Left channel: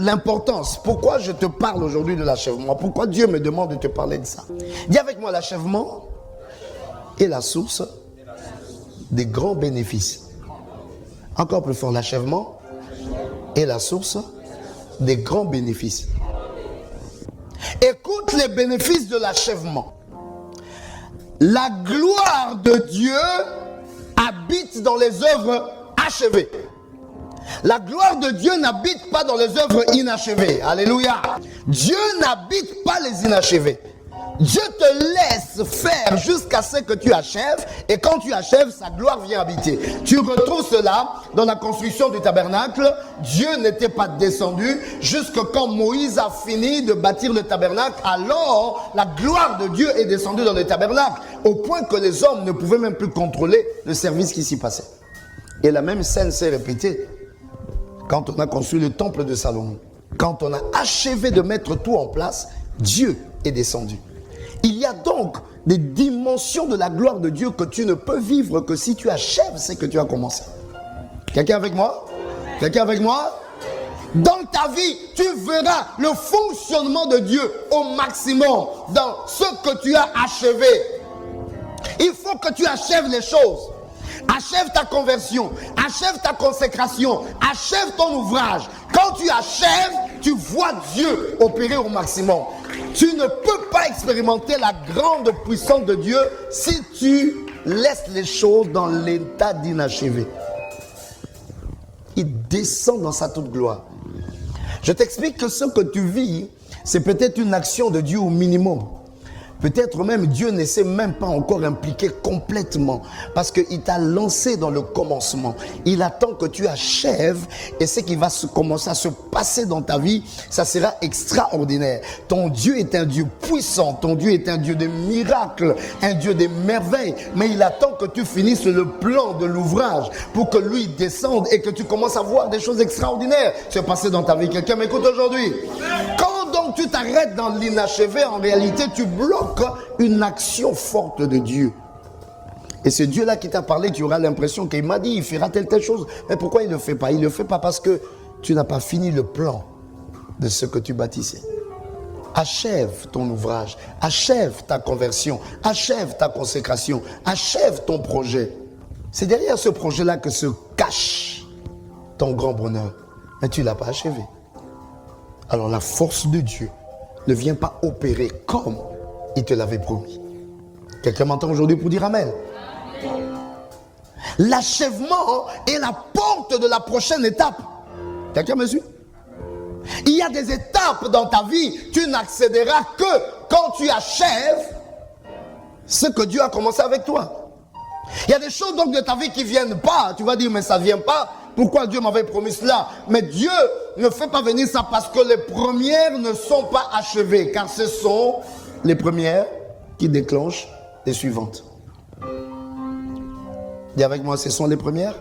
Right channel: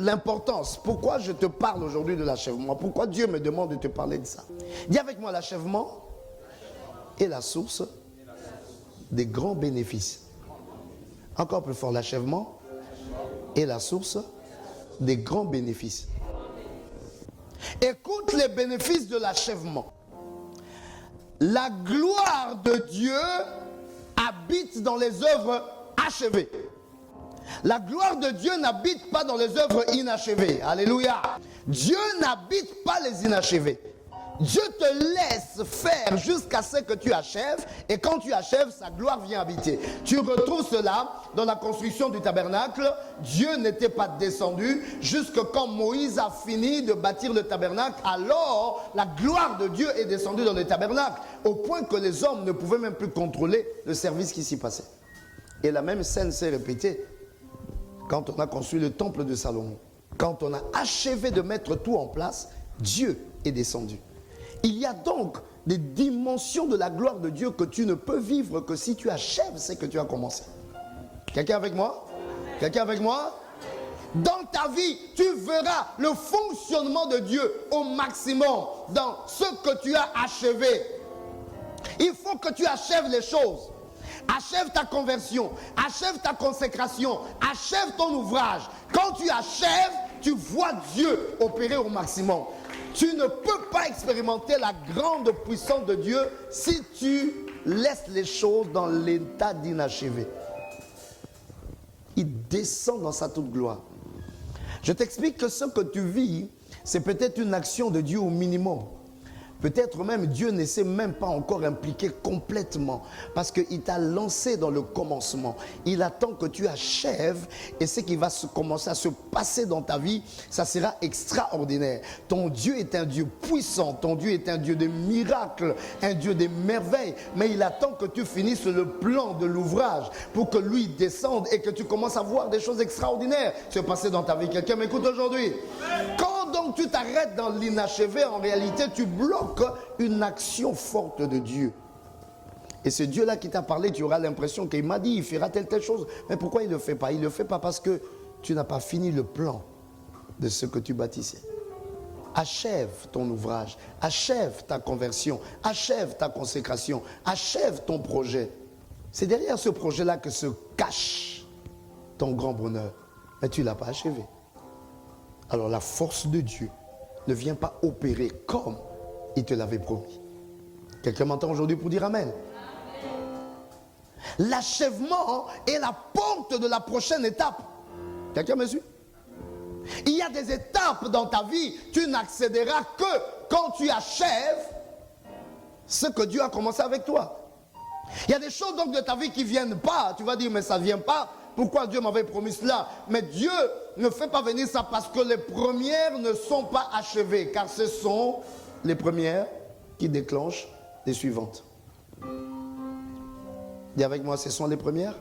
l'importance. Pourquoi je te parle aujourd'hui de l'achèvement? Pourquoi Dieu me demande de te parler de ça? Dis avec moi, l'achèvement est la source des grands bénéfices. Encore plus fort, l'achèvement est la source des grands bénéfices. Écoute les bénéfices de l'achèvement. La gloire de Dieu habite dans les œuvres achevées. La gloire de Dieu n'habite pas dans les œuvres inachevées. Alléluia. Dieu n'habite pas les inachevés. Dieu te laisse faire jusqu'à ce que tu achèves, et quand tu achèves, sa gloire vient habiter. Tu retrouves cela dans la construction du tabernacle. Dieu n'était pas descendu jusque quand Moïse a fini de bâtir le tabernacle. Alors, la gloire de Dieu est descendue dans le tabernacle, au point que les hommes ne pouvaient même plus contrôler le service qui s'y passait. Et la même scène s'est répétée quand on a construit le temple de Salomon. Quand on a achevé de mettre tout en place, Dieu est descendu. Il y a donc des dimensions de la gloire de Dieu que tu ne peux vivre que si tu achèves ce que tu as commencé. Quelqu'un avec moi? Quelqu'un avec moi? Dans ta vie, tu verras le fonctionnement de Dieu au maximum dans ce que tu as achevé. Il faut que tu achèves les choses. Achève ta conversion, achève ta consécration, achève ton ouvrage. Quand tu achèves, tu vois Dieu opérer au maximum. Tu ne peux pas expérimenter la grande puissance de Dieu si tu laisses les choses dans l'état d'inachevé. Il descend dans sa toute gloire. Je t'explique que ce que tu vis, c'est peut-être une action de Dieu au minimum. Peut-être même Dieu ne s'est même pas encore impliqué complètement parce qu'il t'a lancé dans le commencement. Il attend que tu achèves et ce qui va commencer à se passer dans ta vie, ça sera extraordinaire. Ton Dieu est un Dieu puissant, ton Dieu est un Dieu de miracles, un Dieu des merveilles. Mais il attend que tu finisses le plan de l'ouvrage pour que lui descende et que tu commences à voir des choses extraordinaires se passer dans ta vie. Quelqu'un m'écoute aujourd'hui? Quand donc tu t'arrêtes dans l'inachevé, en réalité tu bloques une action forte de Dieu. Et ce Dieu-là qui t'a parlé, tu auras l'impression qu'il m'a dit, il fera telle chose. Mais pourquoi il ne le fait pas? Il ne le fait pas parce que tu n'as pas fini le plan de ce que tu bâtissais. Achève ton ouvrage, achève ta conversion, achève ta consécration, achève ton projet. C'est derrière ce projet-là que se cache ton grand bonheur. Mais tu ne l'as pas achevé. Alors la force de Dieu ne vient pas opérer comme il te l'avait promis. Quelqu'un m'entend aujourd'hui pour dire Amen? L'achèvement est la porte de la prochaine étape. Quelqu'un me suit? Il y a des étapes dans ta vie. Tu n'accéderas que quand tu achèves ce que Dieu a commencé avec toi. Il y a des choses donc de ta vie qui ne viennent pas. Tu vas dire, mais ça ne vient pas. Pourquoi Dieu m'avait promis cela? Mais Dieu ne fait pas venir ça parce que les premières ne sont pas achevées. Car ce sont les premières qui déclenchent les suivantes. Dis avec moi, ce sont les premières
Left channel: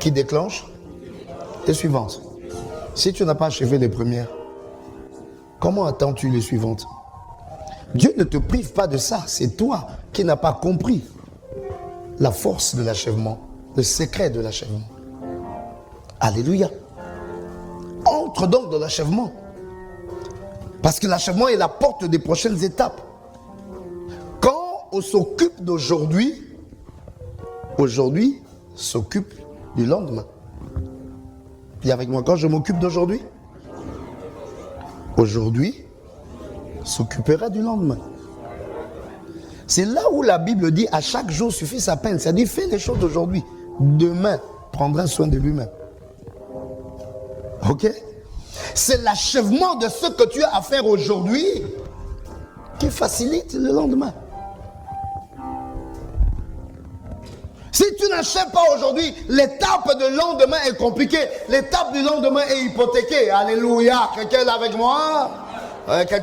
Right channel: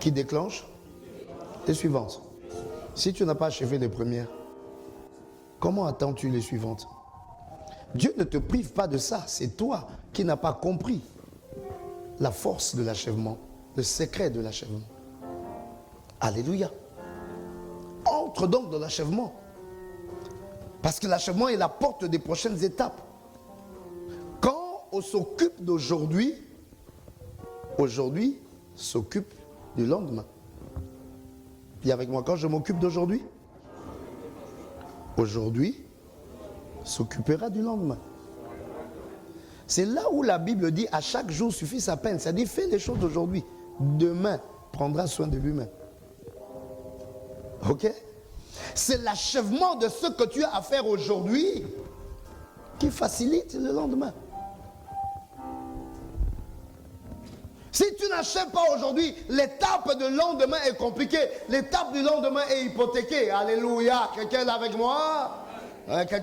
qui déclenchent les suivantes. Si tu n'as pas achevé les premières, comment attends-tu les suivantes? Dieu ne te prive pas de ça. C'est toi qui n'as pas compris la force de l'achèvement, le secret de l'achèvement. Alléluia. Entre donc dans l'achèvement. Parce que l'achèvement est la porte des prochaines étapes. Quand on s'occupe d'aujourd'hui, aujourd'hui s'occupe du lendemain. Puis avec moi, quand je m'occupe d'aujourd'hui, aujourd'hui s'occupera du lendemain. C'est là où la Bible dit à chaque jour suffit sa peine. Ça dit fais les choses d'aujourd'hui. Demain prendra soin de lui-même. Ok? C'est l'achèvement de ce que tu as à faire aujourd'hui qui facilite le lendemain. Si tu n'achèves pas aujourd'hui, l'étape de lendemain est compliquée. L'étape du lendemain est hypothéquée. Alléluia. Quelqu'un est là avec moi? Quelqu'un